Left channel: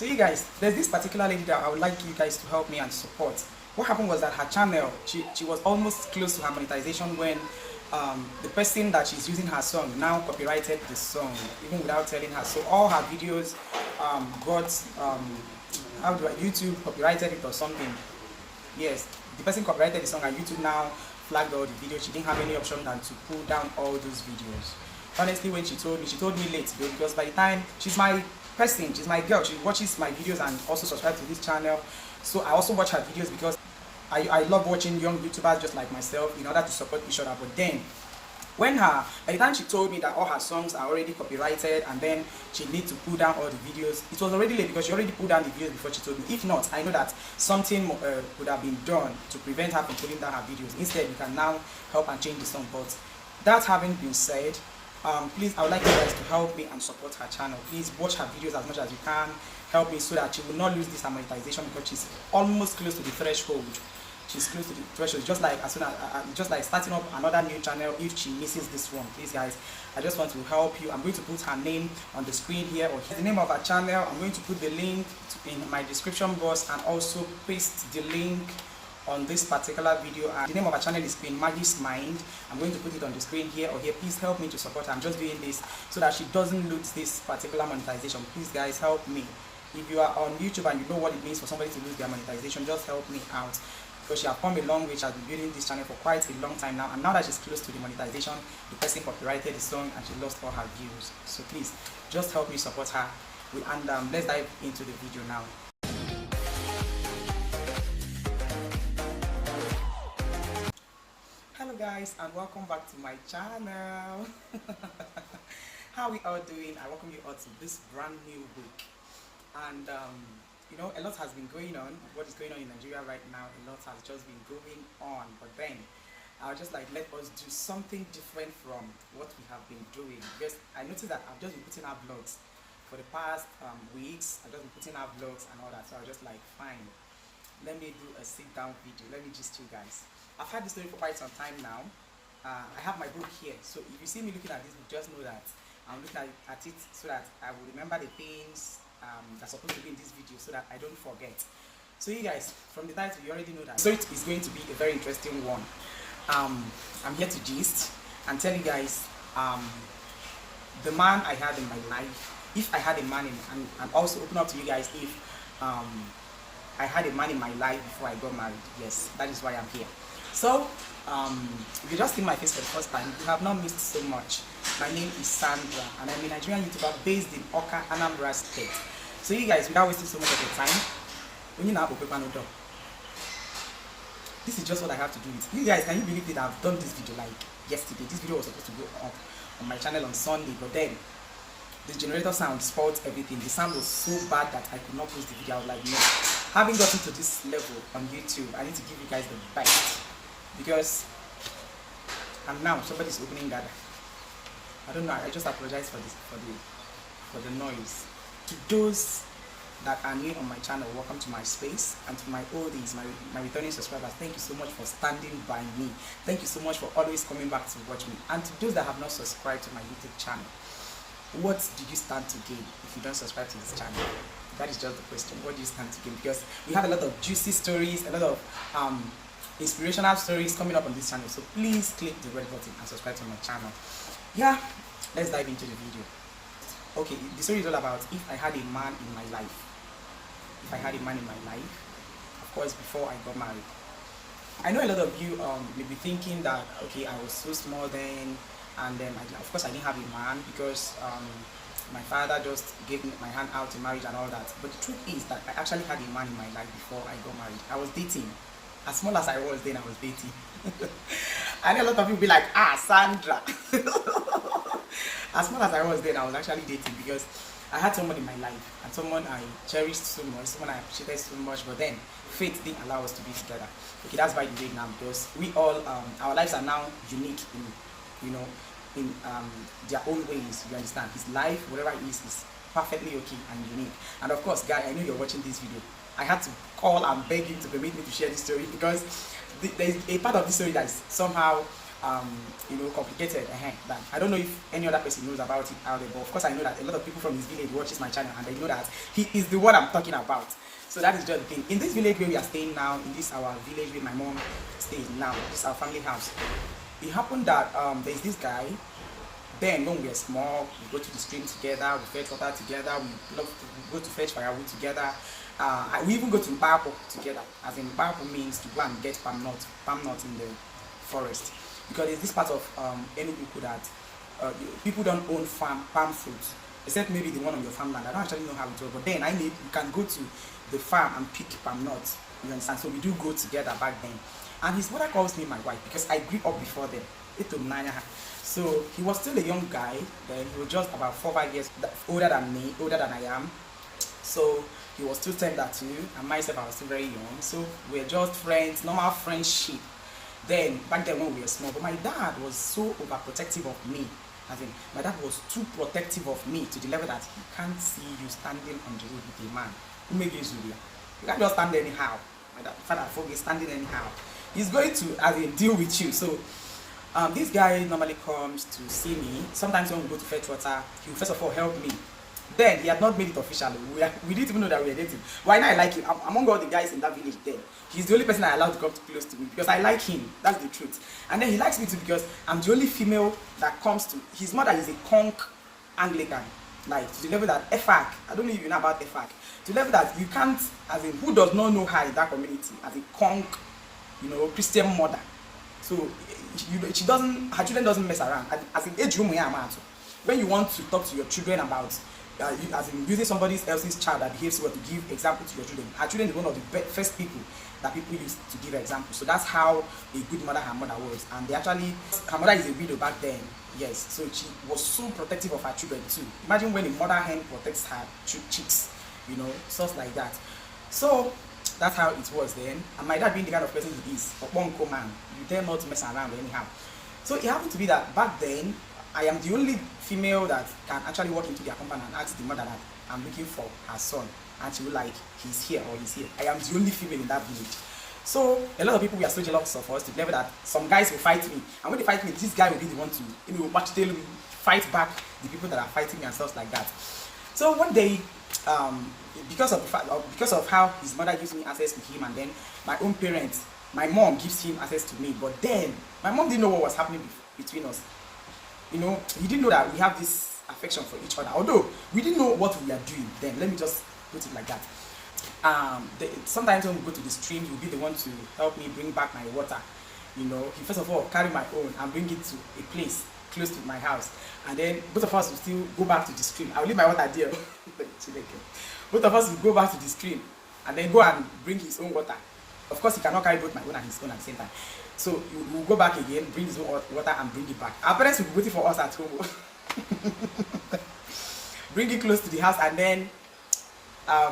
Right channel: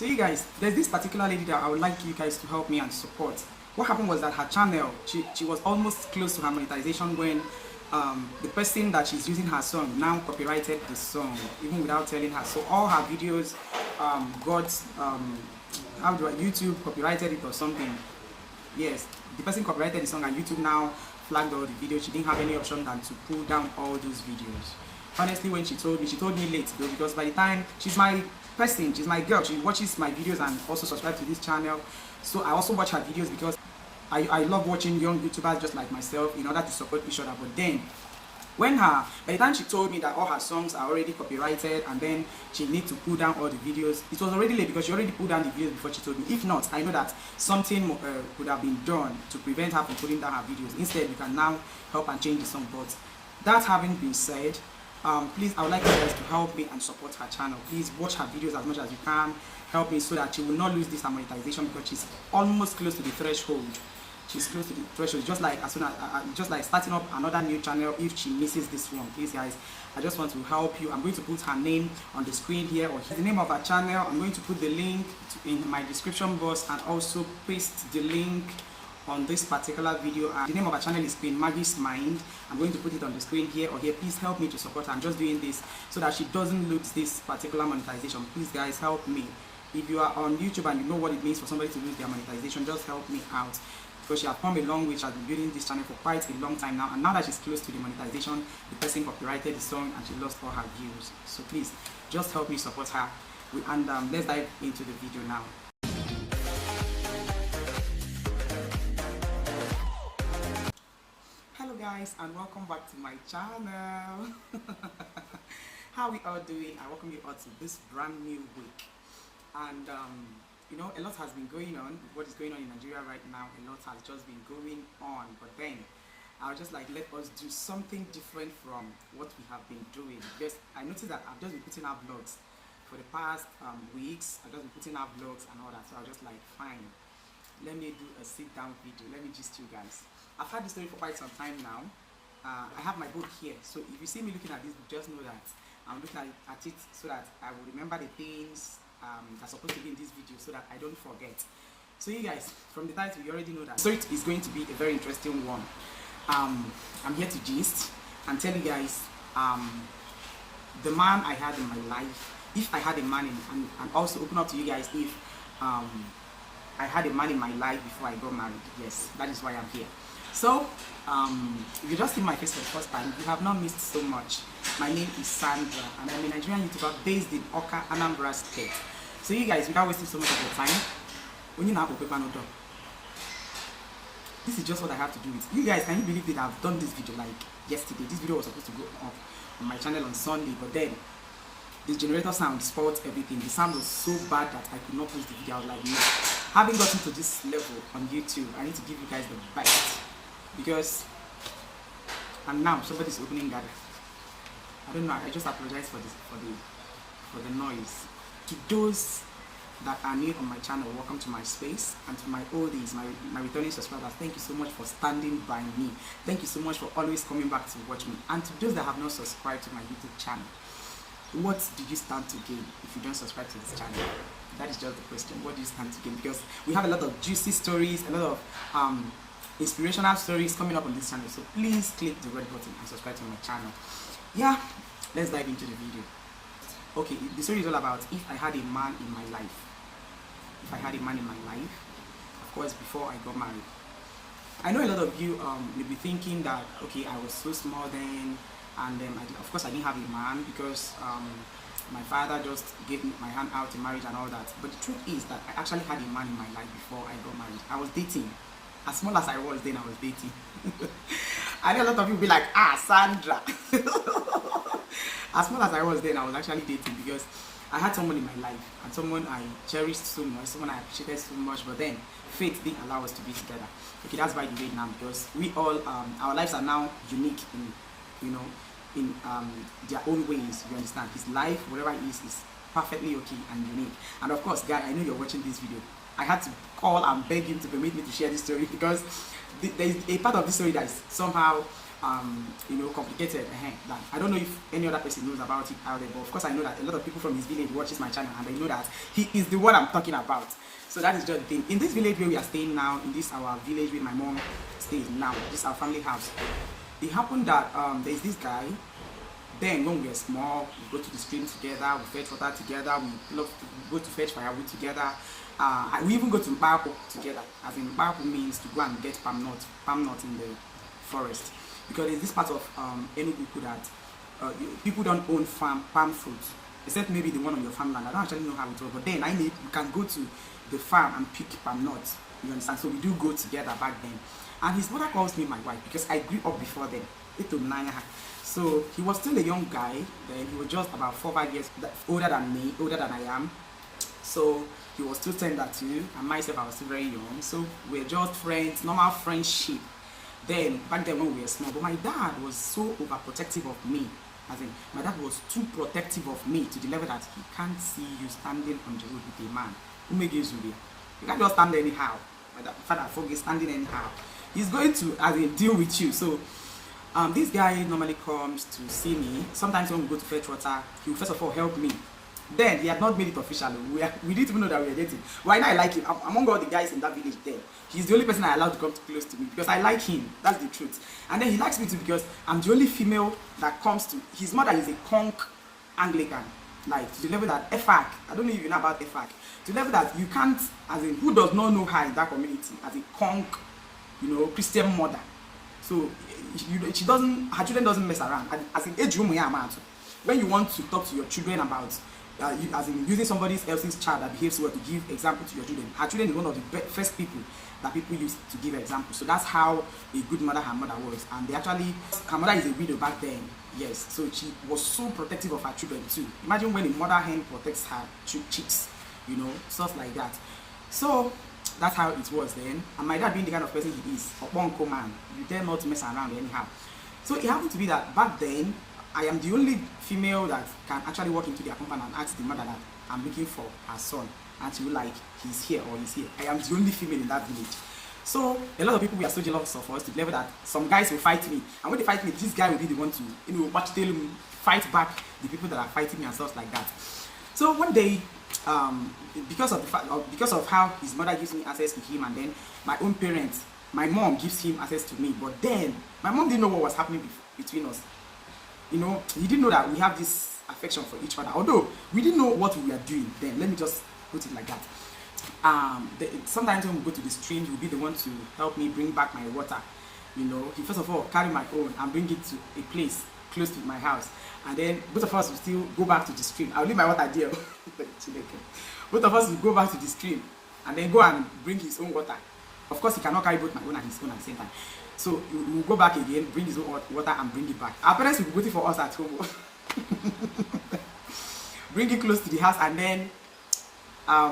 So you guys, there's this particular lady that I would like you guys to help me and support. What happened was that her channel, she was almost close to her monetization when the person that she's using her song now copyrighted the song, even without telling her. So all her videos got, YouTube copyrighted it or something. Yes, the person copyrighted the song and YouTube now flagged all the videos. She didn't have any option than to pull down all those videos. Honestly, when she told me late though, because by the time, she's my person, she's my girl, she watches my videos and also subscribe to this channel. So I also watch her videos because I love watching young YouTubers just like myself in order to support each other. But then by the time she told me that all her songs are already copyrighted and then she needs to pull down all the videos, it was already late because she already pulled down the videos before she told me. If not, I know that something could have been done to prevent her from pulling down her videos. Instead, we can now help and change the song. But that having been said, please, I would like you guys to help me and support her channel. Please watch her videos as much as you can. Help me so that she will not lose this monetization, because she's almost close to the threshold. She's close to the threshold, just like as soon as just like starting up another new channel. If she misses this one, please guys, I just want to help you. I'm going to put her name on the screen here, or the name of her channel. I'm going to put the link in my description box and also paste the link on this particular video. The name of her channel is Queen Maggie's Mind. I'm going to put it on the screen here or here. Please help me to support her. I'm just doing this so that she doesn't lose this particular monetization. Please guys, help me. If you are on YouTube and you know what it means for somebody to lose their monetization, just help me out, because she has come a long way. She has been building this channel for quite a long time now, and now that she's close to the monetization, the person copyrighted the song and she lost all her views. So please just help me support her. And let's dive into the video now. Hello guys, and welcome back to my channel. How we all doing? I welcome you all to this brand new week. And you know, a lot has been going on. What is going on in Nigeria right now, a lot has just been going on. But then I'll just like, let us do something different from what we have been doing, because I noticed that I've just been putting out vlogs for the past weeks. I've just been putting out vlogs and all that. So I was just like, fine, let me do a sit down video. Let me just you guys. I've had this story for quite some time now. I have my book here, so if you see me looking at this book, just know that I'm looking at it so that I will remember the things that's supposed to be in this video, so that I don't forget. So you guys, from the title, you already know that. So it is going to be a very interesting one. I'm here to gist and tell you guys the man I had in my life, if I had a man in, and also open up to you guys if I had a man in my life before I got married. Yes, that is why I'm here. So if you just see my face for the first time, you have not missed so much. My name is Sandra, and I'm a Nigerian YouTuber based in Awka, Anambra State. So you guys, without wasting so much of your time, when you now open door, this is just what I have to do with you guys. Can you believe that I've done this video like yesterday? This video was supposed to go up on my channel on Sunday, but then this generator sound spoiled everything. The sound was so bad that I could not post the video. I was like, no. Having gotten to this level on YouTube, I need to give you guys the best, because and now somebody's opening that. I don't know, I just apologize for this, for the noise. To those that are new on my channel, welcome to my space. And to my oldies, my returning subscribers, thank you so much for standing by me. Thank you so much for always coming back to watch me. And to those that have not subscribed to my YouTube channel, what do you stand to gain if you don't subscribe to this channel? That is just the question. What do you stand to gain? Because we have a lot of juicy stories, a lot of inspirational stories coming up on this channel. So please click the red button and subscribe to my channel. Yeah, let's dive into the video. Okay, the story is all about if I had a man in my life. If I had a man in my life, of course, before I got married. I know a lot of you may be thinking that, okay, I was so small then, and of course I didn't have a man because my father just gave me my hand out in marriage and all that. But the truth is that I actually had a man in my life before I got married. I was dating. As small as I was then, I was dating. I know a lot of you will be like, Sandra. As small as I was then, I was actually dating, because I had someone in my life, and someone I cherished so much, someone I appreciated so much, but then fate didn't allow us to be together. Okay, that's by the way now, because we all, our lives are now unique in, you know, in their own ways, you understand. His life, whatever it is perfectly okay and unique. And of course, guy, I know you're watching this video. I had to call and beg him to permit me to share this story, because there is a part of this story that is somehow you know, complicated. That I don't know if any other person knows about it out there, but of course I know that a lot of people from his village watches my channel and they know that he is the one I'm talking about. So that is just the thing. In this village where we are staying now, in this our village where my mom stays now, this is our family house. It happened that there's this guy. Then when we were small, we go to the stream together, we fetch water together, we love to go to fetch firewood together. We even go to Mbapo together. As in Mbapo means to go and get palm nuts in the forest. Because there's this part of Enugu that people don't own palm fruits, except maybe the one on your farmland. I don't actually know how it works, but then you can go to the farm and pick palm nuts. You understand? So we do go together back then. And his mother calls me my wife because I grew up before them. So he was still a young guy. Then he was just about 4 or 5 years older than me, older than I am. So he was still tender too, and myself I was still very young. So we're just friends, normal friendship. Then back then when we were small, but my dad was so overprotective of me. As in, my dad was too protective of me to the level that he can't see you standing on the road with a man. You can't just stand anyhow. My father forget standing anyhow. He's going to deal with you. So this guy normally comes to see me. Sometimes when we go to fetch water, he will first of all help me. Then he had not made it official. We didn't even know that we were dating. Why not? I like him. Among all the guys in that village then, he's the only person I allowed to come close to me because I like him. That's the truth. And then he likes me too because I'm the only female that comes to. His mother is a conch Anglican. Like to the level that EFAC, I don't know if you know about EFAC, to the level that you can't, who does not know her in that community, as a conch, you know, Christian mother. So she doesn't, her children doesn't mess around. As in age when you want to talk to your children about using somebody else's child that behaves well to give example to your children, her children is one of the first people that people use to give example. So that's how a good mother her mother was. And her mother is a widow back then. Yes, so she was so protective of her children too. Imagine when a mother hen protects her chicks, you know, stuff like that. So that's how it was then. And my dad being the kind of person he is, a bonko man, you dare not mess around anyhow. So it happened to be that back then, I am the only female that can actually walk into their compound and ask the mother that I'm looking for her son. And she will like, he's here or he's here. I am the only female in that village. So a lot of people were so jealous of us to the level that some guys will fight me. And when they fight me, this guy will be the one to, you know, fight back the people that are fighting me and stuff like that. So one day, because of how his mother gives me access to him, and then my own parents, my mom gives him access to me. But then my mom didn't know what was happening between us. You know, he didn't know that we have this affection for each other. Although we didn't know what we were doing then. Let me just put it like that. Sometimes when we go to the stream, he will be the one to help me bring back my water. You know, he first of all carry my own and bring it to a place close to my house, and then both of us will still go back to the stream. I will leave my water there. Both of us will go back to the stream and then go and bring his own water. Of course, he cannot carry both my own and his own at the same time. So we will go back again, bring his own water and bring it back. Our parents will be waiting for us at home. Bring it close to the house, and then I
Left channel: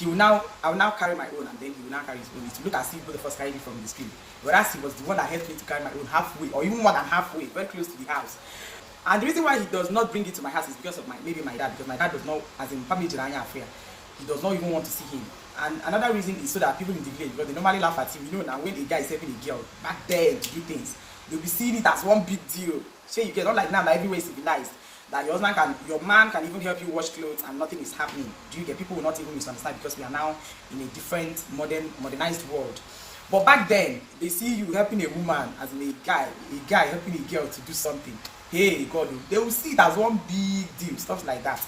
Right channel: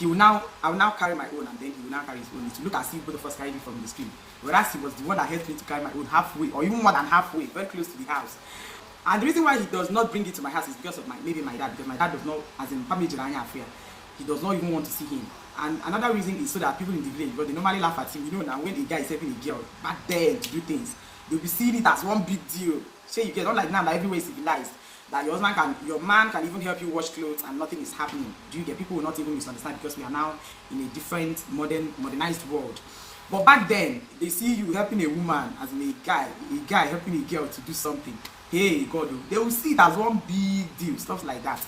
will now carry my own, and then he will now carry his own. It will look as if both of us carried it from the stream. Whereas he was the one that helped me to carry my own halfway, or even more than halfway, very close to the house. And the reason why he does not bring it to my house is because of maybe my dad, because my dad does not, as in family affair, he does not even want to see him. And another reason is so that people in the village, because they normally laugh at him, you know, now when a guy is helping a girl back then to do things, they'll be seeing it as one big deal. So you get not like now that everywhere is civilized, that your man can even help you wash clothes and nothing is happening. Do you get? People will not even misunderstand because we are now in a different modernized world. But back then, they see you helping a woman as in a guy helping a girl to do something. Hey God, they will see it as one big deal, stuff like that.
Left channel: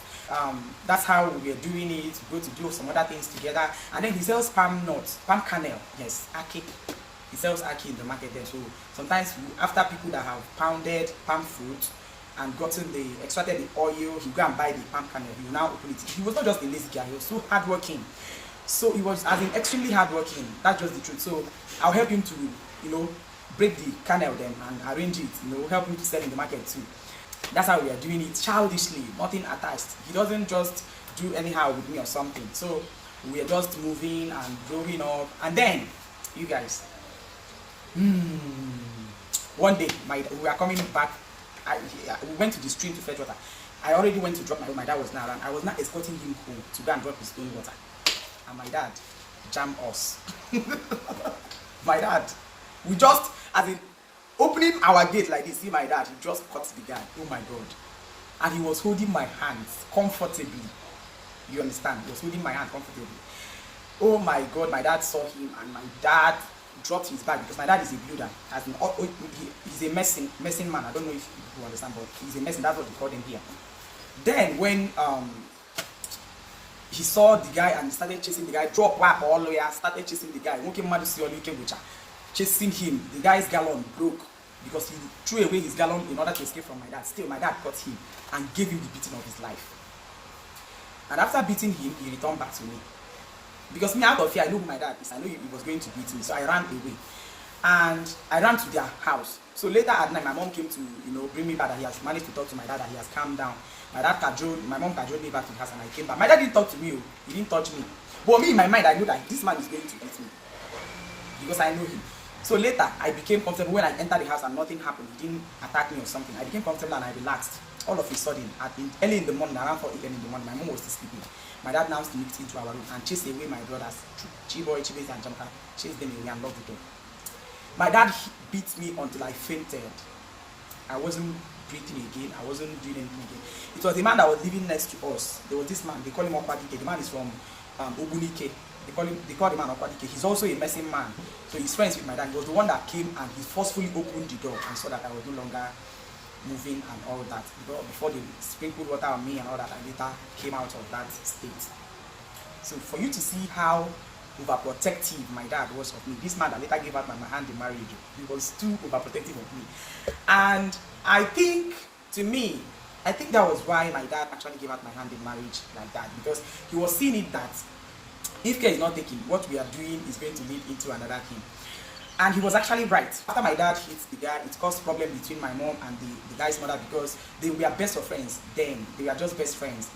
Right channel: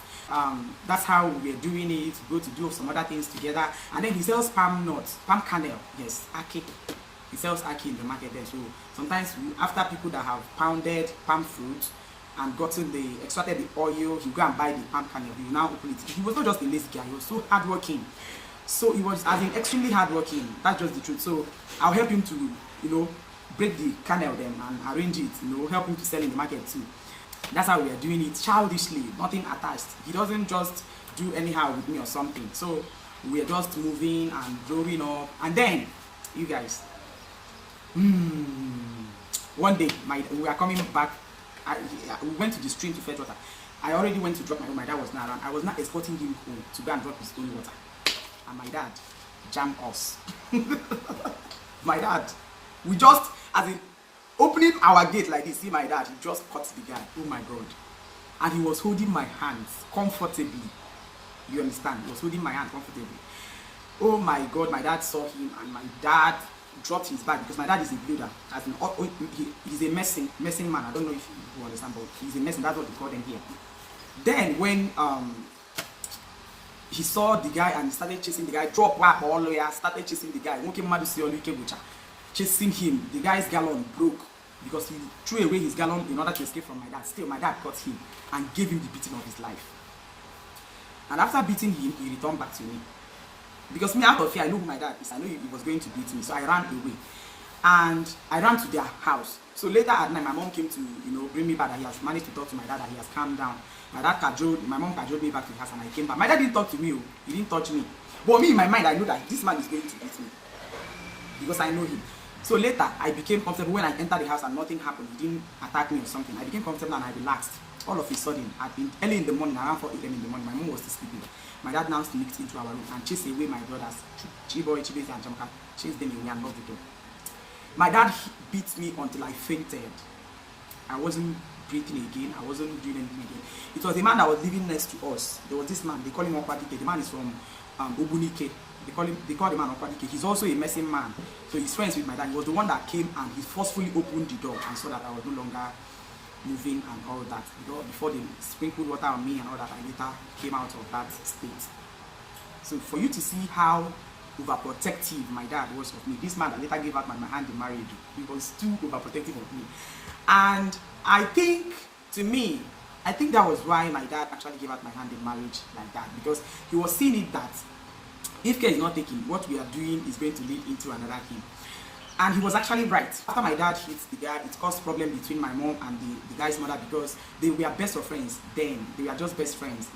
That's how we are doing it. We go to do some other things together, and then he sells palm nuts, palm kernel. Yes, ackee. He sells ackee in the market there. So sometimes after people that have pounded palm fruit and extracted the oil, he go and buy the palm kernel. He will now open it. He was not just a lazy guy; he was so hardworking. So he was extremely hardworking. That's just the truth. So I'll help him to, you know, break the kernel then and arrange it. You know, help him to sell in the market too. That's how we are doing it, childishly, nothing attached. He doesn't just do anyhow with me or something. So we are just moving and growing up. And then, you guys, one day we are coming back. We went to the stream to fetch water. I already went to drop my own. My dad was not around. I was not escorting him home to go and drop his own water. And my dad jammed us. My dad, we just, Opening our gate like this, see my dad, he just cut the guy. Oh my God. And he was holding my hands comfortably. You understand? He was holding my hand comfortably. Oh my God, my dad saw him, and my dad dropped his bag, because my dad is a builder. As in, he's a messing man. I don't know if you understand, but he's a messing. That's what they call them here. Then when he saw the guy and he started chasing the guy, started chasing the guy. Chasing him, the guy's gallon broke because he threw away his gallon in order to escape from my dad. Still, my dad caught him and gave him the beating of his life. And after beating him, he returned back to me. Because me, out of fear, I know who my dad is. I know he was going to beat me, so I ran away. And I ran to their house. So later at night, my mom came to, bring me back, that he has managed to talk to my dad, that he has calmed down. My mom cajoled me back to the house, and I came back. My dad didn't talk to me, he didn't touch me. But me, in my mind, I know that this man is going to beat me, because I know him. So later, I became comfortable when I entered the house and nothing happened. He didn't attack me or something. I became comfortable and I relaxed. All of a sudden, early in the morning, around 4 a.m. in the morning, my mom was still sleeping. My dad now sneaked into our room and chased away my brothers, Chiboy, Chibese, and Jamka, chased them away and locked the door. My dad beat me until I fainted. I wasn't breathing again. I wasn't doing anything again. It was the man that was living next to us. There was this man. They call him Okwadike. The man is from Obunike. They call the man Okwadike. He's also a messing man. So he's friends with my dad. He was the one that came and he forcefully opened the door and saw that I was no longer moving and all that. Before they sprinkled water on me and all that, I later came out of that state. So for you to see how overprotective my dad was of me, this man that later gave out my hand in marriage, he was too overprotective of me. And I think, to me, I think that was why my dad actually gave out my hand in marriage like that, because he was seeing it that if care is not taken, what we are doing is going to lead into another thing. And he was actually right. After my dad hit the guy, it caused problem between my mom and the guy's mother, because they were best of friends then. They were just best friends,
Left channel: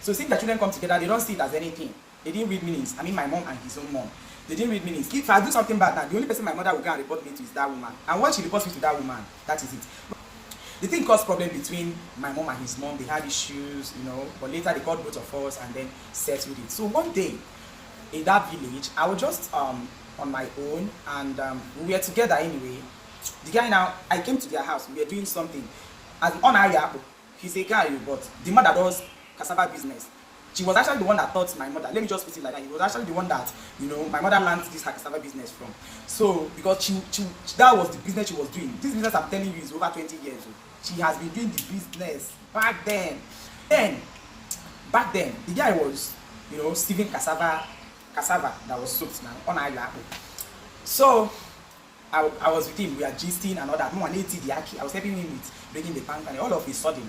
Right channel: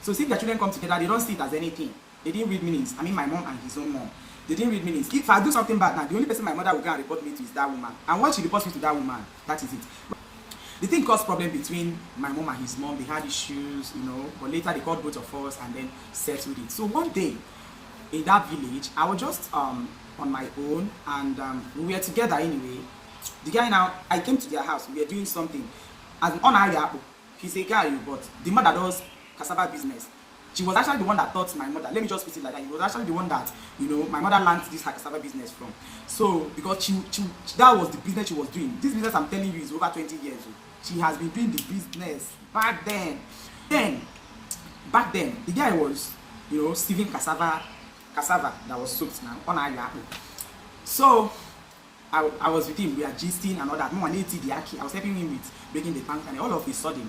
So since the children come together, they don't see it as anything. They didn't read meanings. I mean, my mom and his own mom. They didn't read meanings. If I do something bad now, the only person my mother will go and report me to is that woman. And once she reports me to that woman, that is it. The thing caused problem between my mom and his mom. They had issues, but later they called both of us and then settled it. So one day, in that village, I was just on my own, and we were together anyway. The guy now, I came to their house, we were doing something. As on our he's a guy, but the mother does cassava business. She was actually the one that taught my mother. Let me just put it like that. He was actually the one that, my mother learned this cassava business from. So, because that was the business she was doing. This business I'm telling you is over 20 years old. She has been doing the business back then. Back then, the guy was, sieving cassava that was soaked now on our apple. So I was with him, we are gisting and all that. I was helping him with breaking the plank, and all of a sudden,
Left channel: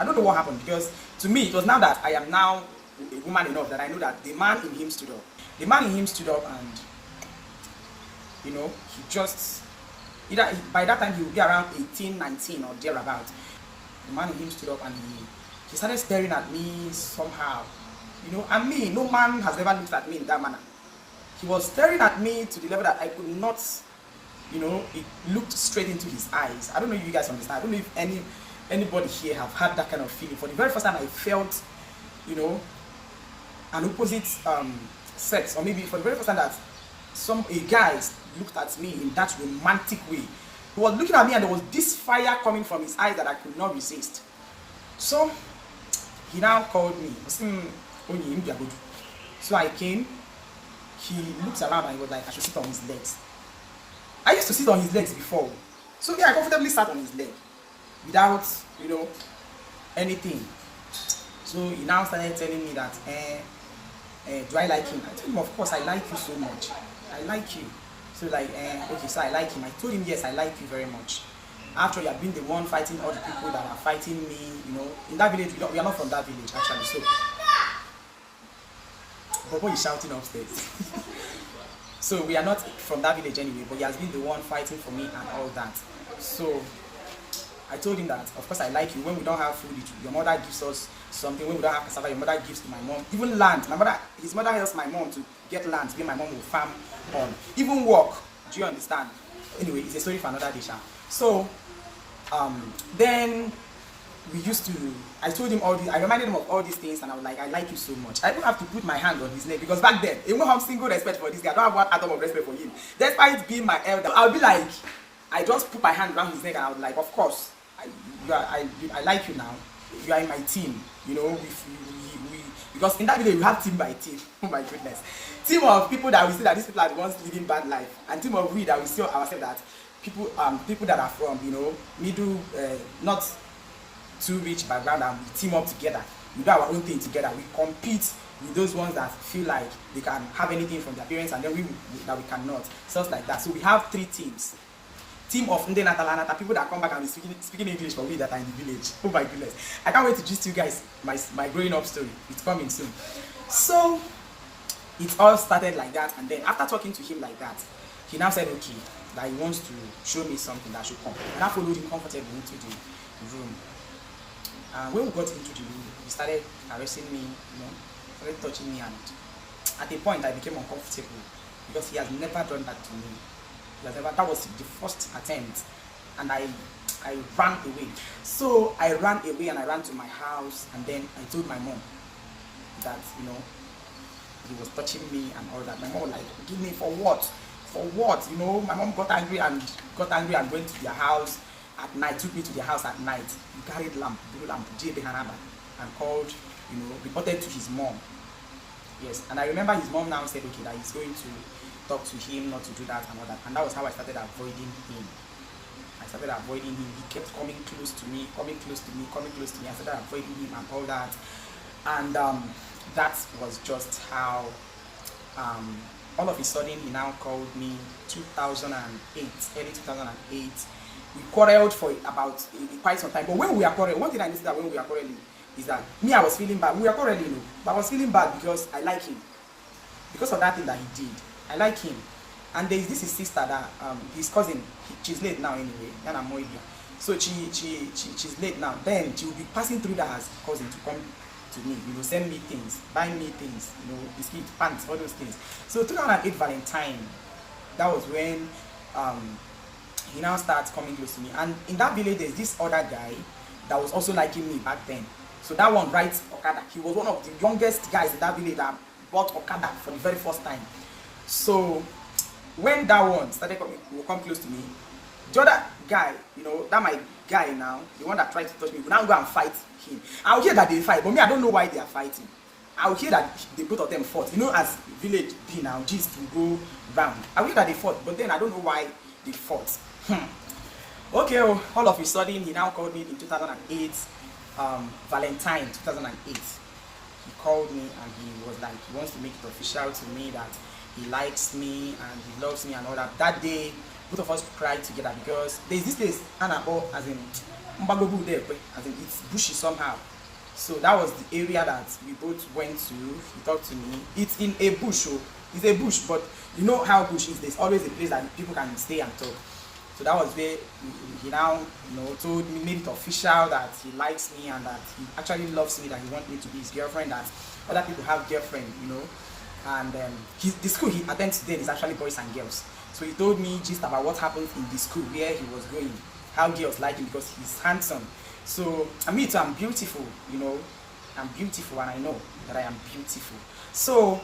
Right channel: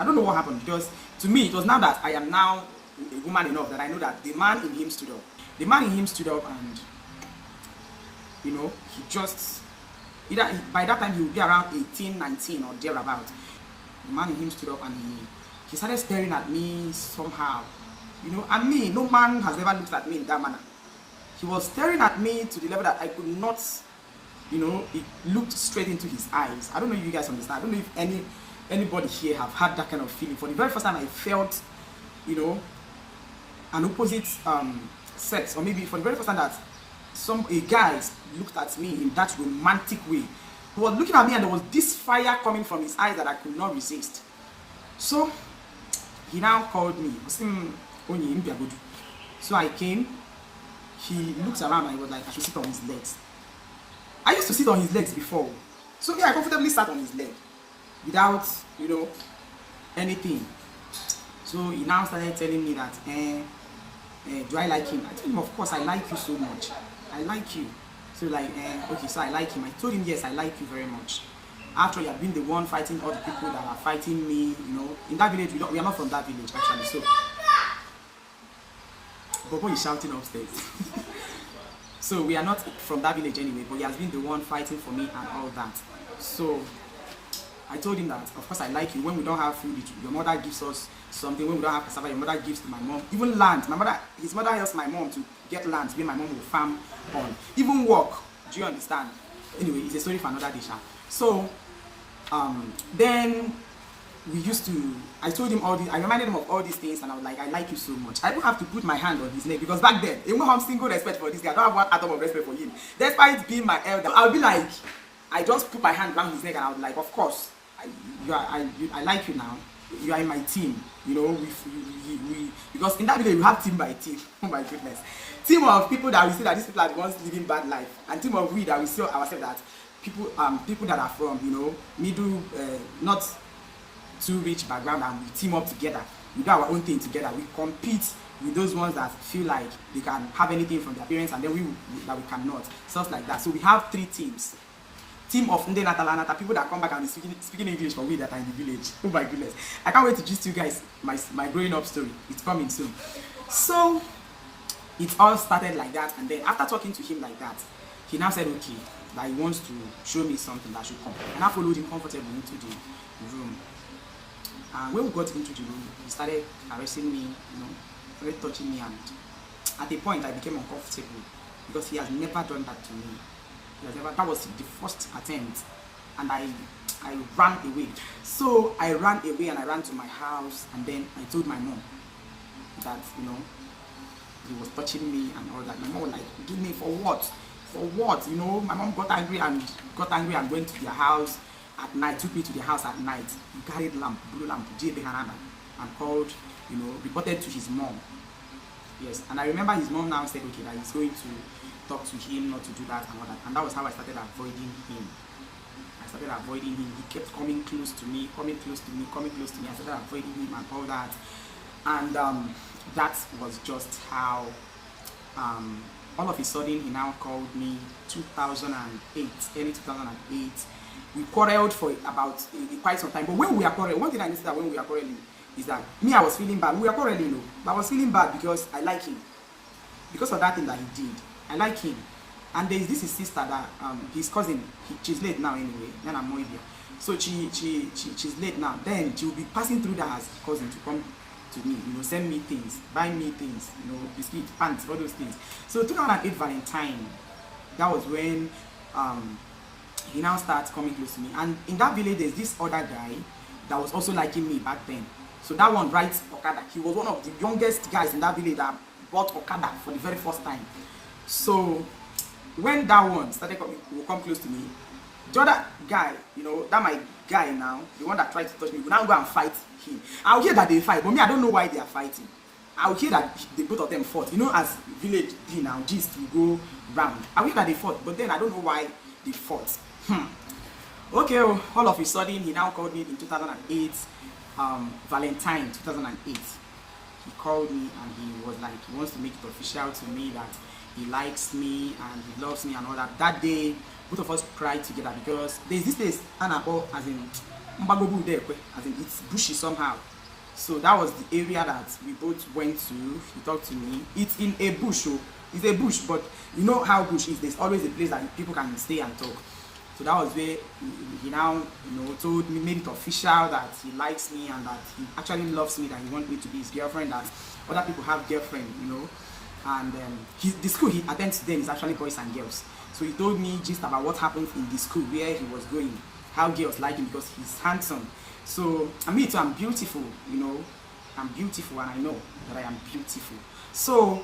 I don't know what happened, because to me it was now that I am now a woman enough that I know that the man in him stood up. The man in him stood up, and he just by that time he would be around 18, 19 or thereabout. The man in him stood up and he started staring at me somehow. And me, no man has ever looked at me in that manner. He was staring at me to the level that I could not, it looked straight into his eyes. I don't know if you guys understand. I don't know if anybody here have had that kind of feeling. For the very first time I felt, an opposite sex, or maybe for the very first time that a guy looked at me in that romantic way. He was looking at me and there was this fire coming from his eyes that I could not resist. So he now called me. So I came, he looked around and he was like, I should sit on his legs. I used to sit on his legs before. So yeah, I comfortably sat on his leg without, anything. So he now started telling me that, do I like him? I told him, of course, I like you so much. I like you. So like, okay, so I like him. I told him, yes, I like you very much. After you have been the one fighting all the people that are fighting me, in that village, we are not from that village actually. So Bobo is shouting upstairs. So we are not from that village anyway, but he has been the one fighting for me and all that. So I told him that, of course, I like you. When we don't have food, your mother gives us something. When we don't have cassava, your mother gives to my mom. Even land. His mother helps my mom to get land, so my mom will farm on. Even work. Do you understand? Anyway, it's a story for another day. So then I told him all this. I reminded him of all these things, and I was like, I like you so much. I don't have to put my hand on his neck, because back then, even have single respect for this guy, I don't have one atom of respect for him. Despite being my elder, I'll be like, I just put my hand around his neck and I was like, of course, I like you now. You are in my team. You know, because in that video we have team by team. Oh my goodness. Team of people that we see that these people are the ones living bad life, and team of we that we see ourselves that people that are from, you know, middle, not too rich background, and we team up together. We do our own thing together. We compete with those ones that feel like they can have anything from their parents, and then we cannot. Stuff like that. So we have 3 teams. Team of NENYELICIOUS, people that come back and be speaking English for we that are in the village. Oh my goodness. I can't wait to gist you guys my growing up story. It's coming soon. So it all started like that, and then after talking to him like that, he now said okay, that he wants to show me something that should come. And I followed him comfortably into the room. And when we got into the room, he started caressing me, you know, started touching me, and at a point I became uncomfortable because he has never done that to me. That was the first attempt, and I ran away. So I ran away and I ran to my house, and then I told my mom that, you know, he was touching me and all that. My mom was like, give me for what? For what? You know, my mom got angry and went to their house at night, took me to their house at night. He carried lamp, blue lamp, and called, you know, reported to his mom. Yes, and I remember his mom now said, okay, that he's going to talk to him not to do that and all that. And that was how I started avoiding him. I started avoiding him. He kept coming close to me. I started avoiding him and all that. And that was just how, all of a sudden, he now called me 2008, early 2008. We quarreled for about quite some time. But when we are quarreling, one thing I noticed that when we are quarreling is that me, I was feeling bad. We were quarreling, no, but I was feeling bad because I like him. Because of that thing that he did. I like him. And there is this his sister that his cousin, she's late now anyway, then I'm more here. So she's late now. Then she will be passing through that as cousin to come to me, you know, send me things, buy me things, you know, biscuit, pants, all those things. So 2008 Valentine, that was when he now starts coming close to me. And in that village there's this other guy that was also liking me back then. So that one rides Okada. He was one of the youngest guys in that village that bought Okada for the very first time. So when that one started coming, will come close to me, the other guy, you know, that my guy now, the one that tried to touch me, will now go and fight him. I'll hear that they fight, but me, I don't know why they are fighting. I'll hear that the both of them fought. You know, as village D now, gist will go round. I'll hear that they fought, but then I don't know why they fought. Okay, oh, all of a sudden, he now called me in 2008, Valentine 2008. He called me and he was like, he wants to make it official to me that he likes me and he loves me and all that. That day, both of us cried together because there's this place, ANAMBRA, as in Mbagobu there, as in it's bushy somehow. So that was the area that we both went to. He talked to me. It's in a bush, oh. It's a bush, but you know how bush is. There's always a place that people can stay and talk. So that was where he now, you know, told me, made it official that he likes me and that he actually loves me, that he wants me to be his girlfriend, that other people have girlfriend, you know. And the school he attends then is actually boys and girls. So he told me just about what happens in the school where he was going, how girls like him because he's handsome. So I mean, I'm beautiful, you know. I'm beautiful and I know that I am beautiful. So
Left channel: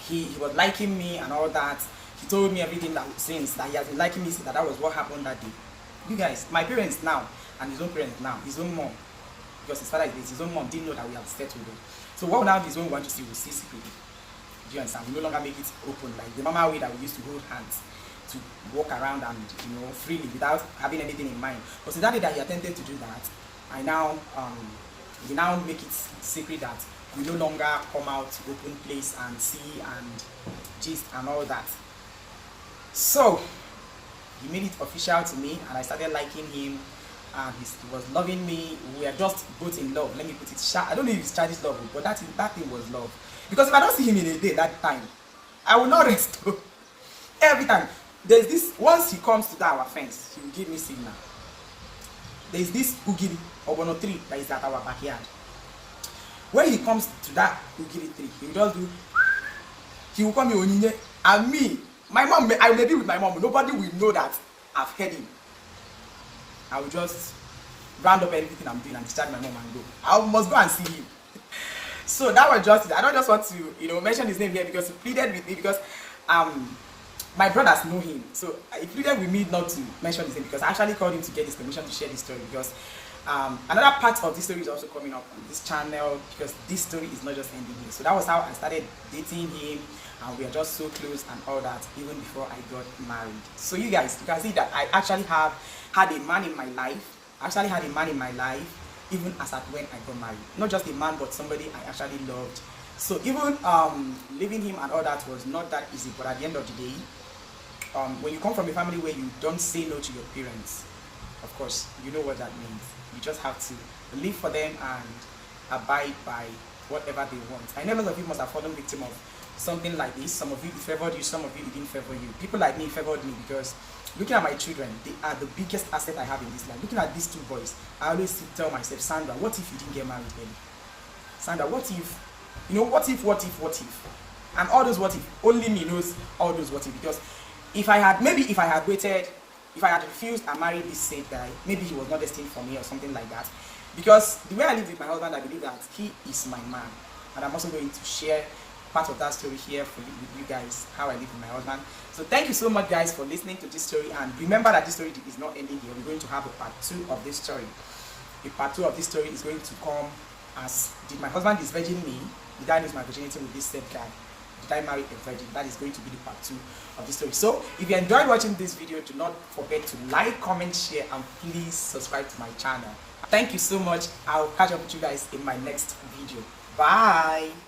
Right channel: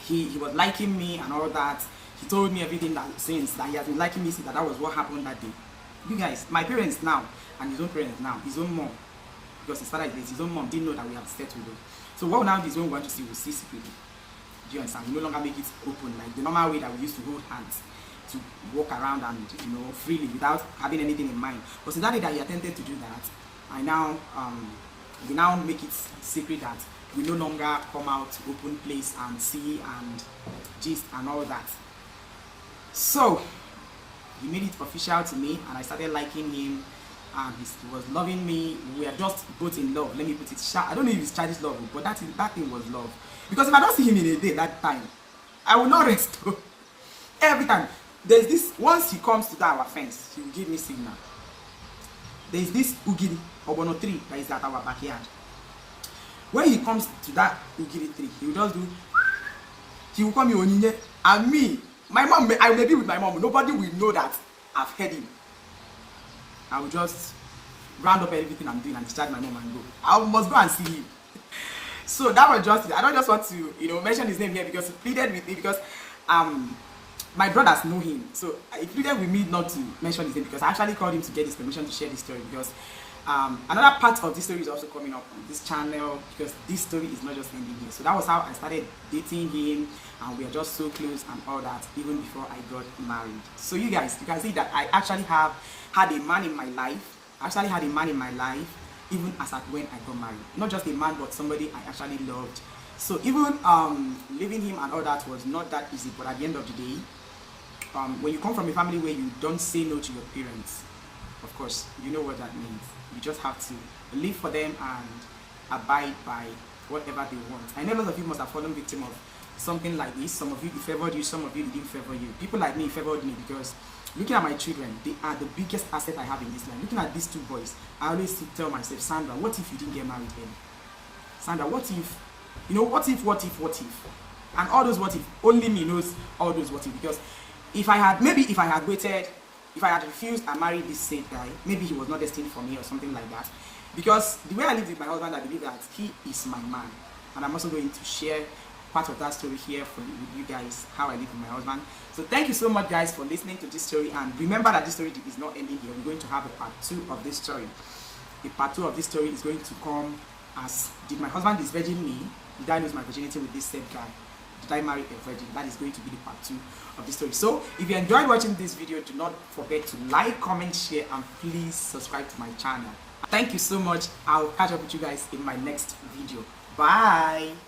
he was liking me and all that. He told me everything that since that he has been liking me since that was what happened that day. You guys, my parents now and his own parents now, his own mom, because his father is his own mom, didn't know that we have settled. So what now is when we want to see, we'll see secretly. Do you understand? We no longer make it open like the normal way that we used to hold hands to walk around and, you know, freely without having anything in mind. But since that day that he attempted to do that, I now we now make it secret that we no longer come out to open place and see and gist and all that. So he made it official to me and I started liking him and he was loving me. We are just both in love. Let me put it. I don't know if it's childish love, but that thing was love. Because if I don't see him in a day that time, I will not rest. Every time. There's this, once he comes to our fence, he will give me signal. There's this ugiri obono tree that is at our backyard. When he comes to that ugiri tree, he will just do, he will call me Onyinye. And me, my mom, I may be with my mom, nobody will know that I've heard him. I will just round up everything I'm doing and discharge my mom and go. I must go and see him. So that was just it. I don't just want to, you know, mention his name here because he pleaded with me because my brothers know him, so I pleaded with me not to mention his name because I actually called him to get his permission to share this story, because another part of this story is also coming up on this channel, because this story is not just ending here. So that was how I started dating him, and we are just so close and all that, even before I got married. So you guys, you can see that I actually have had a man in my life. I actually had a man in my life even as at when I got married. Not just a man, but somebody I actually loved. So even leaving him and all that was not that easy, but at the end of the day, when you come from a family where you don't say no to your parents, of course, you know what that means. You just have to live for them and abide by whatever they want. I know a lot of you must have fallen victim of something like this. Some of you, it favored you, some of you, it didn't favor you. People like me, it favored me, because looking at my children, they are the biggest asset I have in this life. Looking at these two boys, I always tell myself, Sandra, what if you didn't get married early? Sandra, what if? You know, what if? And all those what if, only me knows all those what if. Because if I had waited, if I had refused and married this same guy, maybe he was not destined for me or something like that. Because the way I live with my husband, I believe that he is my man. And I'm also going to share part of that story here with you guys, how I live with my husband. So thank you so much, guys, for listening to this story. And remember that this story is not ending here. We're going to have a part 2 of this story. A part 2 of this story is going to come as, did my husband disvirgin me? Did I lose my virginity with this same guy? Did I marry a virgin? That is going to be the part 2 of this story. So if you enjoyed watching this video, do not forget to like, comment, share, and please subscribe to my channel. Thank you so much. I'll catch up with you guys in my next video. Bye.